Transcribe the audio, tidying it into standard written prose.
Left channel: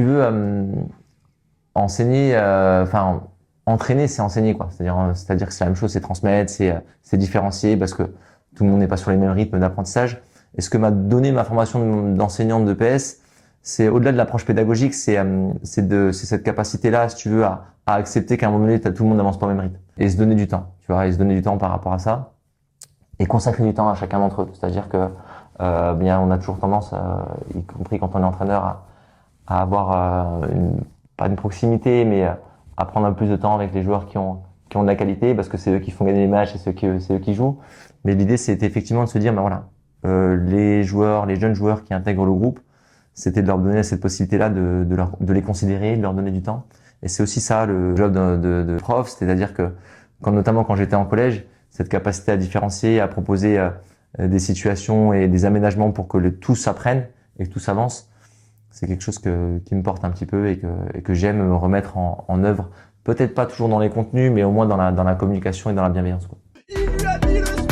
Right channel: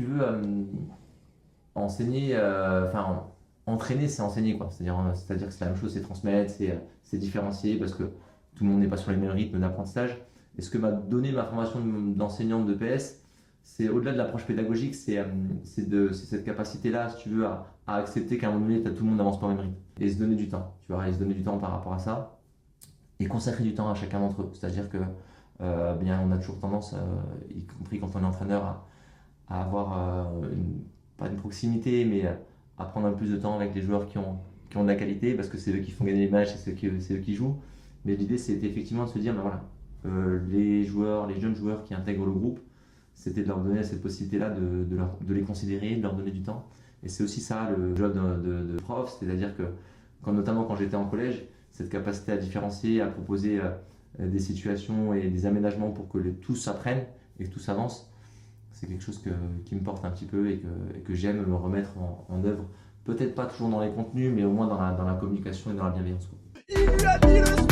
tu veux, enseigner, enfin, entraîner, c'est enseigner, quoi. C'est-à-dire que c'est la même chose, c'est transmettre, c'est différencier parce que tout le monde n'est pas sur les mêmes rythmes d'apprentissage. Et ce que m'a donné ma formation d'enseignante de PS, c'est au-delà de l'approche pédagogique, c'est cette capacité-là, si tu veux, à accepter qu'à un moment donné, tout le monde n'avance pas au même rythme. Et se donner du temps, tu vois, et se donner du temps par rapport à ça. Et consacrer du temps à chacun d'entre eux. C'est-à-dire que, bien, on a toujours tendance, y compris quand on est entraîneur, à avoir pas une proximité, mais à prendre un peu plus de temps avec les joueurs qui ont de la qualité, parce que c'est eux qui font gagner les matchs et c'est eux qui jouent. Mais l'idée, c'était effectivement de se dire, ben voilà, les joueurs, les jeunes joueurs qui intègrent le groupe, c'était de leur donner cette possibilité-là de les considérer, de leur donner du temps. Et c'est aussi ça le job de prof, c'est-à-dire que, notamment quand j'étais en collège, cette capacité à différencier, à proposer des situations et des aménagements pour que tous apprennent et que tous avancent, c'est quelque chose qui me porte un petit peu et que j'aime me remettre en œuvre. Peut-être pas toujours dans les contenus, mais au moins dans la communication et dans la bienveillance, quoi. Il lui a dit le